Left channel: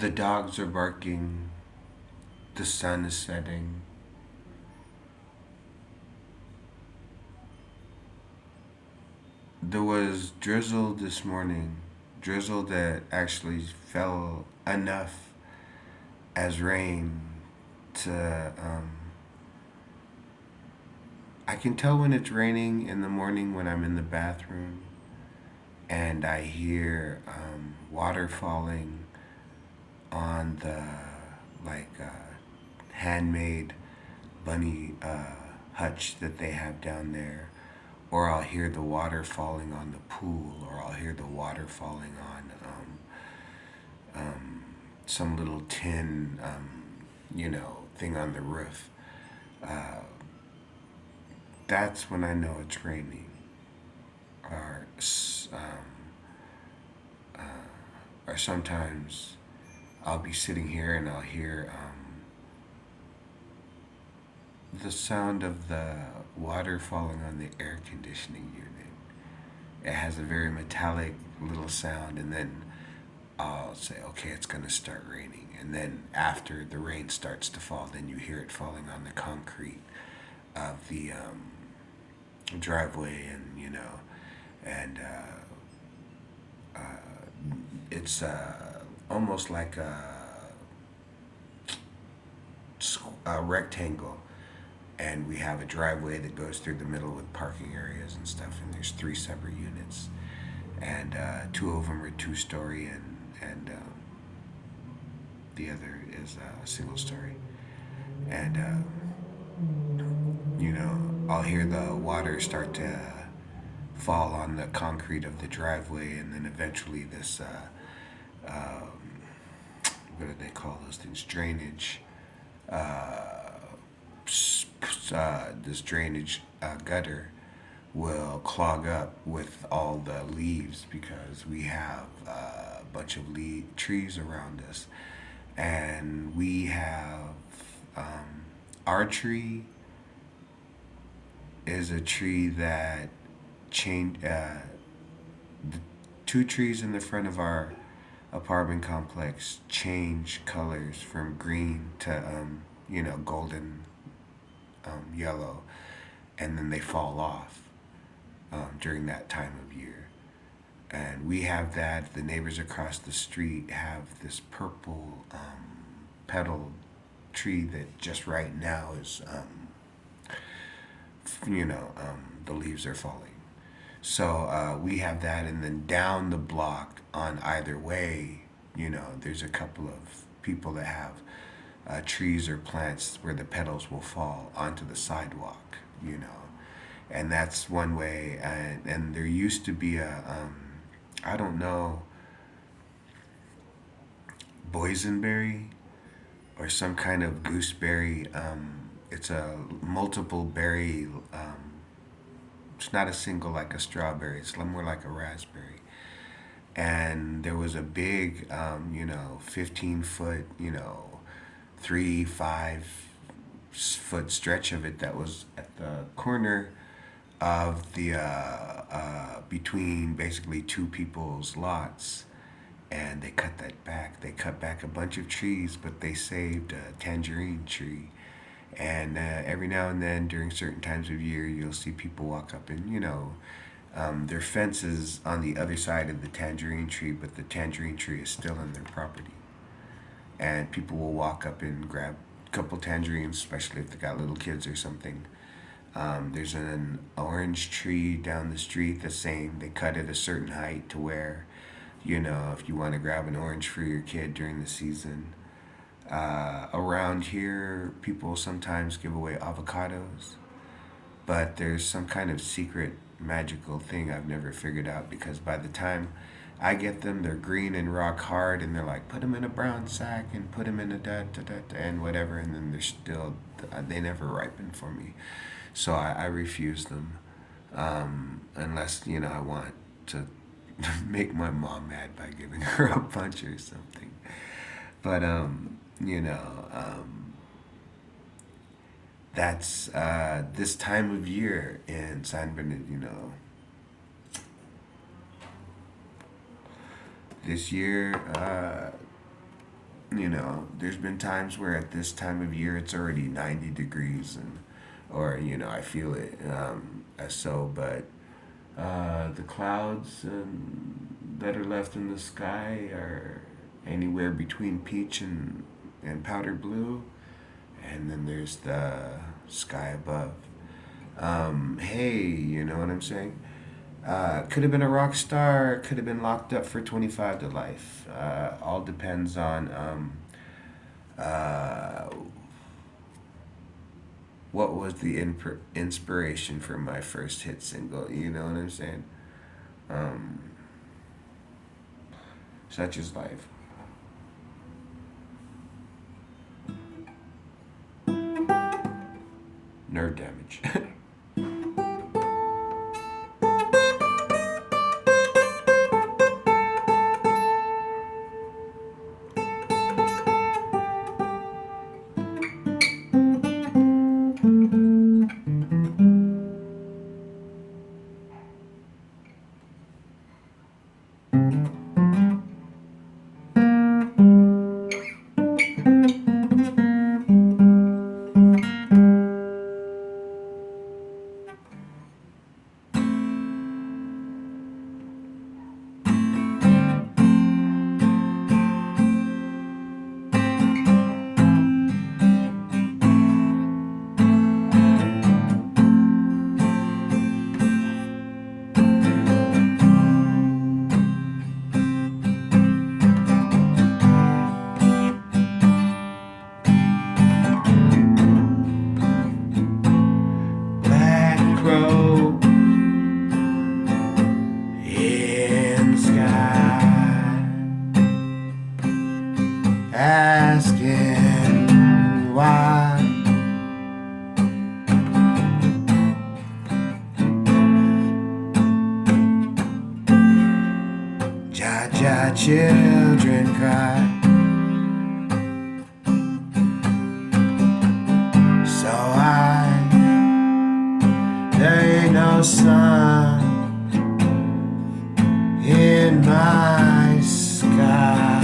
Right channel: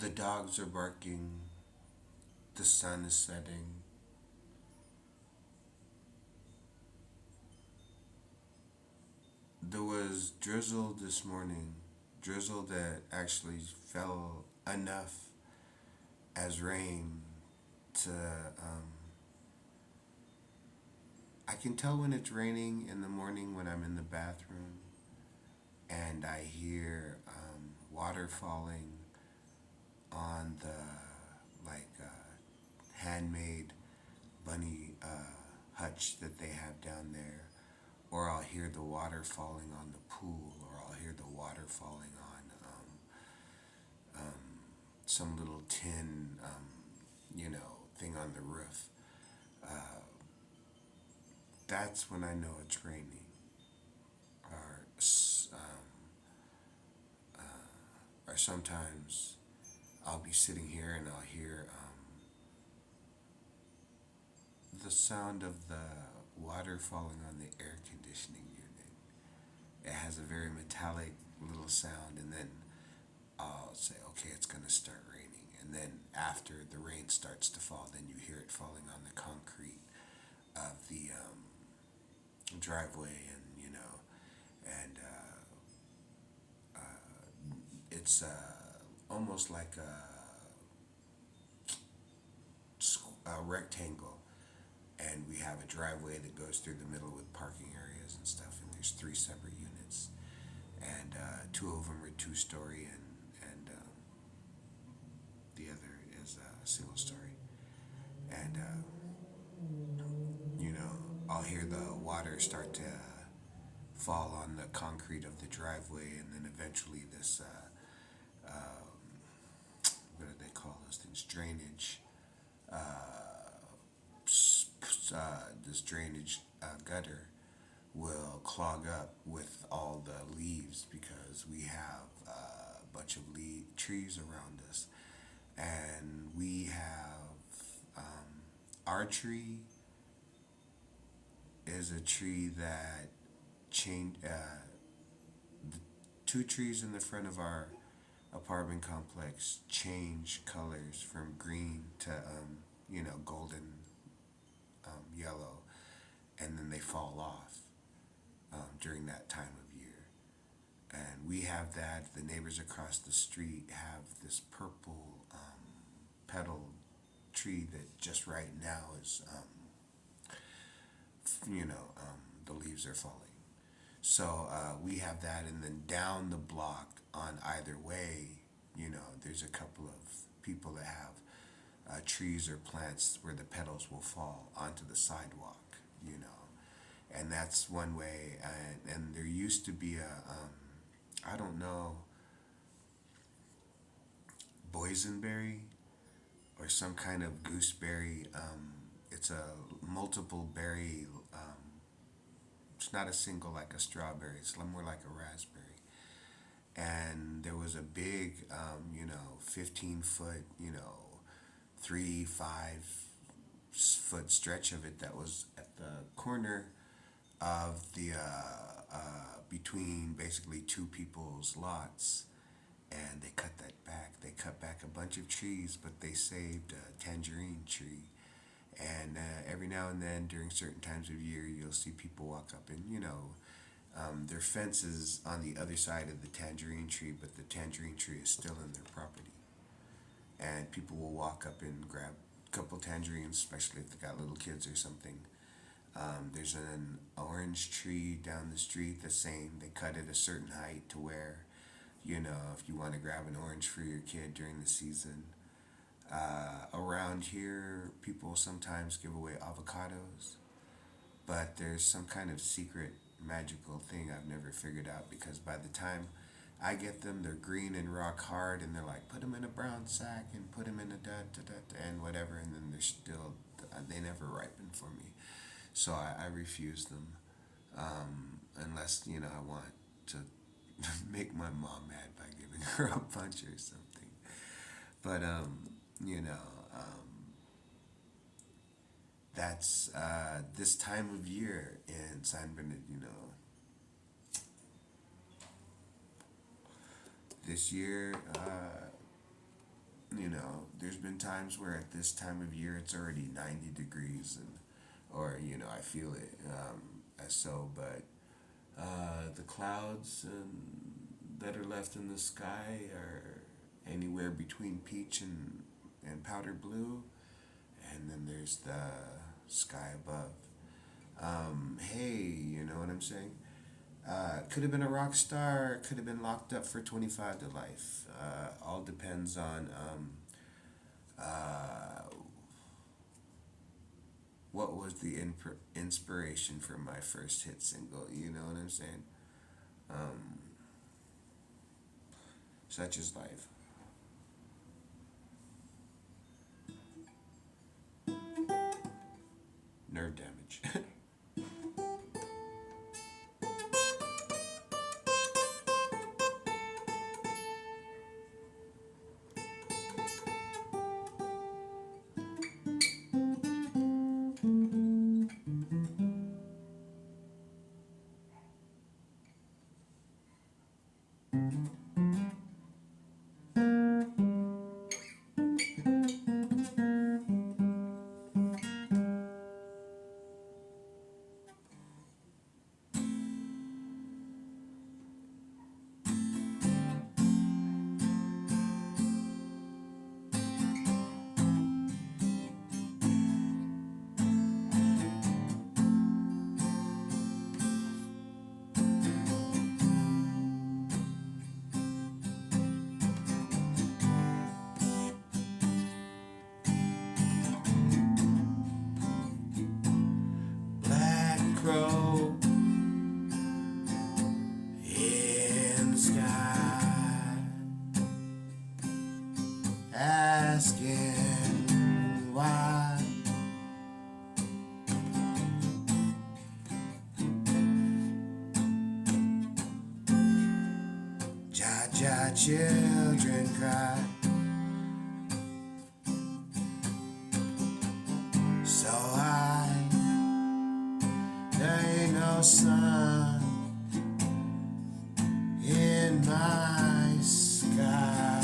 The dogs are barking, the sun is setting. There was drizzle this morning, drizzle that actually fell enough as rain to. I can tell when it's raining in the morning when I'm in the bathroom and I hear water falling on the handmade bunny hutch that they have down there, or I'll hear the water falling on the pool, or I'll hear the water falling on some little tin, thing on the roof. Uh, that's when I know it's raining. Or, or sometimes I'll be sitting here and I'll hear the sound of the water falling on the air conditioning unit. It has a very metallic little sound, and then I'll say, okay, it's going to start raining. And then after the rain starts to fall, then you hear it falling on the concrete of the driveway, and it's almost like a rectangle, and we have a driveway that goes through the middle with parking areas and stuff, and there's three separate units, and two of them are two-story, and the other is a single story, and I'll hear the water start to fall on the concrete of the driveway, and then eventually this what do they call those things, drainage, this drainage gutter will clog up with all the leaves because we have a bunch of trees around us, and we have our tree is a tree that change the two trees in the front of our apartment complex change colors from green to golden, yellow, and then they fall off during that time of year. And we have that. The neighbors across the street have this purple petal tree that just right now is the leaves are falling. So we have that, and then down the block on either way, there's a couple of people that have trees or plants where the petals will fall onto the sidewalk, and that's one way. And there used to be I don't know, boysenberry or some kind of gooseberry. It's a multiple berry. It's not a single like a strawberry. It's more like a raspberry. And there was a big, 15 foot, 3, 5 foot stretch of it that was at the corner of the between basically two people's lots, and they cut that back. They cut back a bunch of trees, but they saved a tangerine tree. And every now and then, during certain times of year, you'll see people walk up and their fence is on the other side of the tangerine tree, but the tangerine tree is still in their property. And people will walk up and grab a couple tangerines, especially if they got little kids or something. There's an orange tree down the street the same. They cut it a certain height to where, if you want to grab an orange for your kid during the season. Around here, people sometimes give away avocados, but there's some kind of secret magical thing I've never figured out, because by the time I get them, they're green and rock hard, and they're like, put them in a brown sack and put them in a and whatever, and then they're still, they never ripen for me. So I refuse them, unless, I want to make my mom mad by giving her a punch or something. But, you know, that's this time of year in San Bernardino. This year, There's been times where at this time of year it's already 90 degrees, or I feel it, as so, but the clouds that are left in the sky are anywhere between peach and powder blue, and then there's the sky above. Hey, you know what I'm saying? Could have been a rock star, could have been locked up for 25 to life. All depends on uh, what was the inspiration for my first hit single. You know what I'm saying? Um, Such is life. Nerd damage. Black crow in the sky, asking why. Ja ja, children cry. So there ain't no sun in my sky.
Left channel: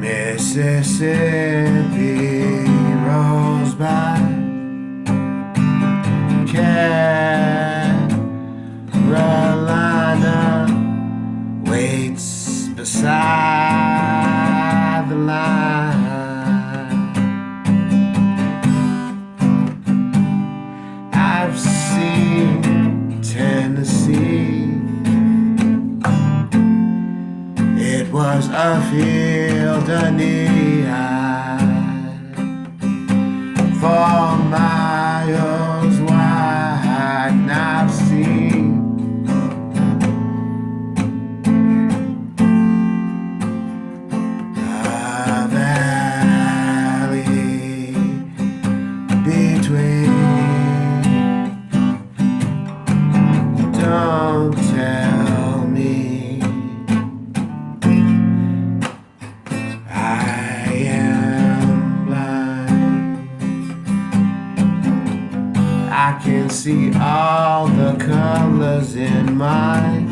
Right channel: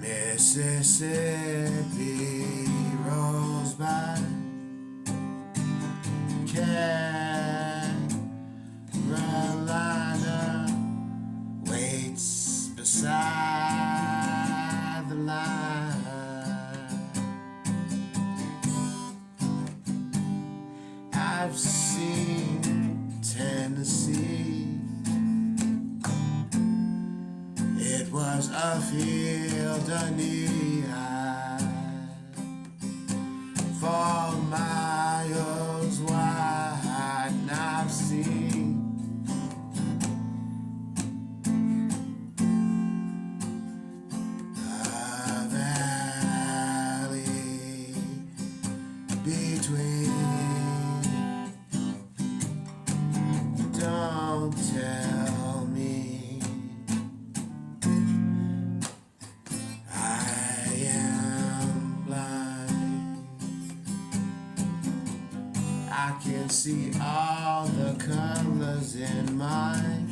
Mississippi rolls by, Carolina waits beside the line. I've seen Tennessee. It was a field of neon, 4 miles wide, and I've seen a valley between. Don't tell me I am blind. I can see all the colors in my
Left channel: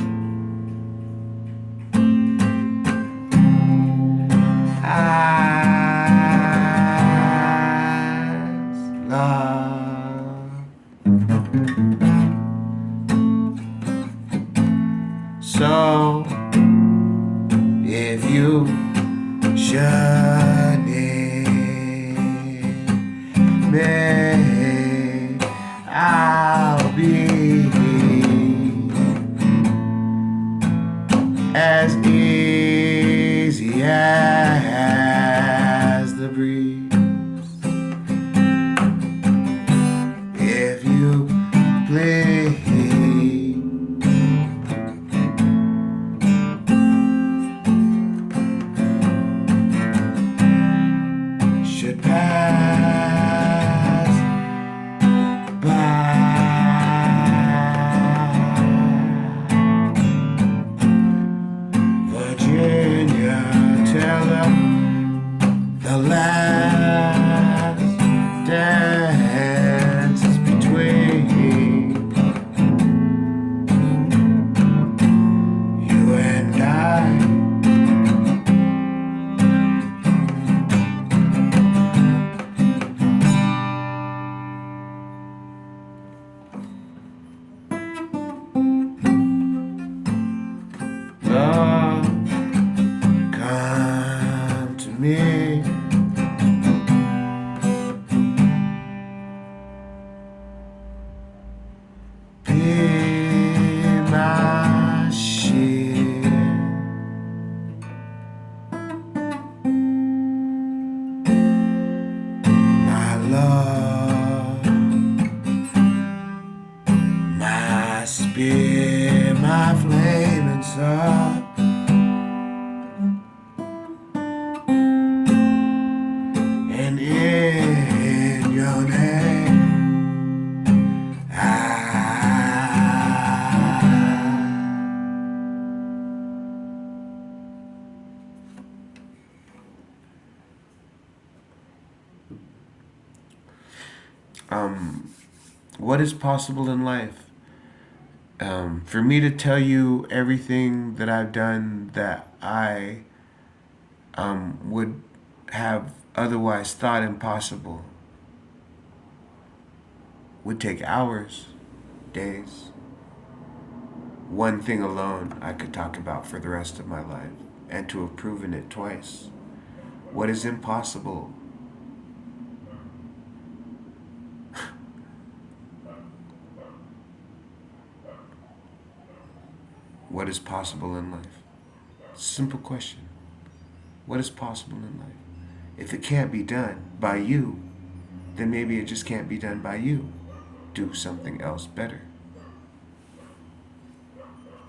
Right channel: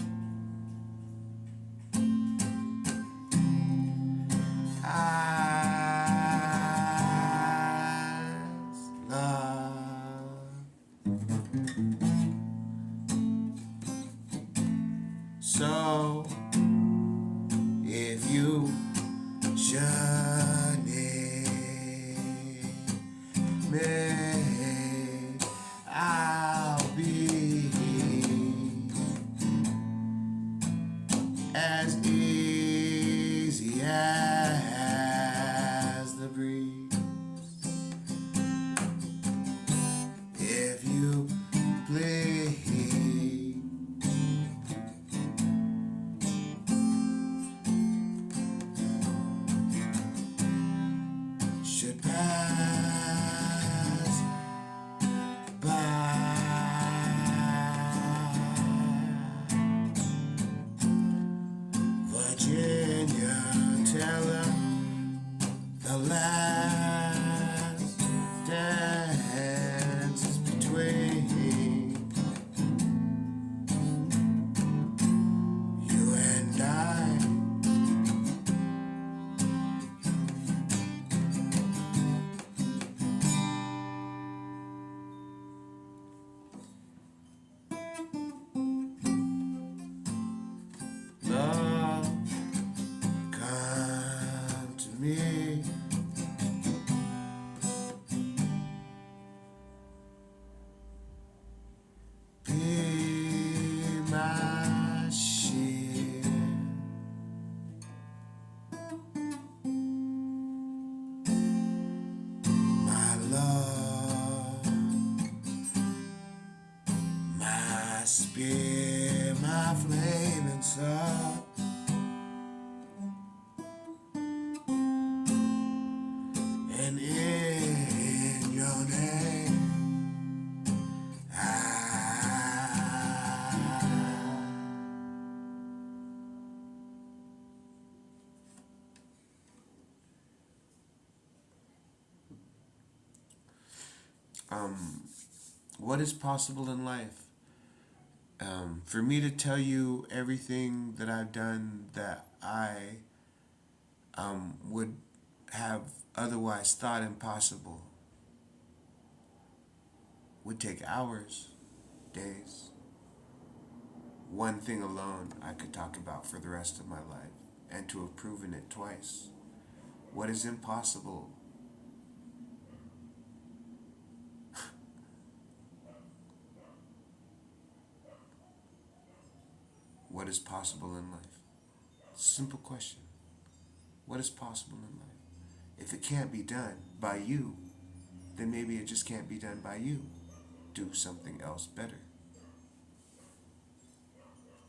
eyes, love. So if you should need me, I'll be as easy as the breeze. If you please. Should pass by. What is possible in life? For me to tell you everything that I've done that I would have otherwise thought impossible would take hours, days. One thing alone I could talk about for the rest of my life, and to have proven it twice. What is impossible? What is possible in life? Simple question. What is possible in life? If it can't be done by you, then maybe it just can't be done by you. Do something else better.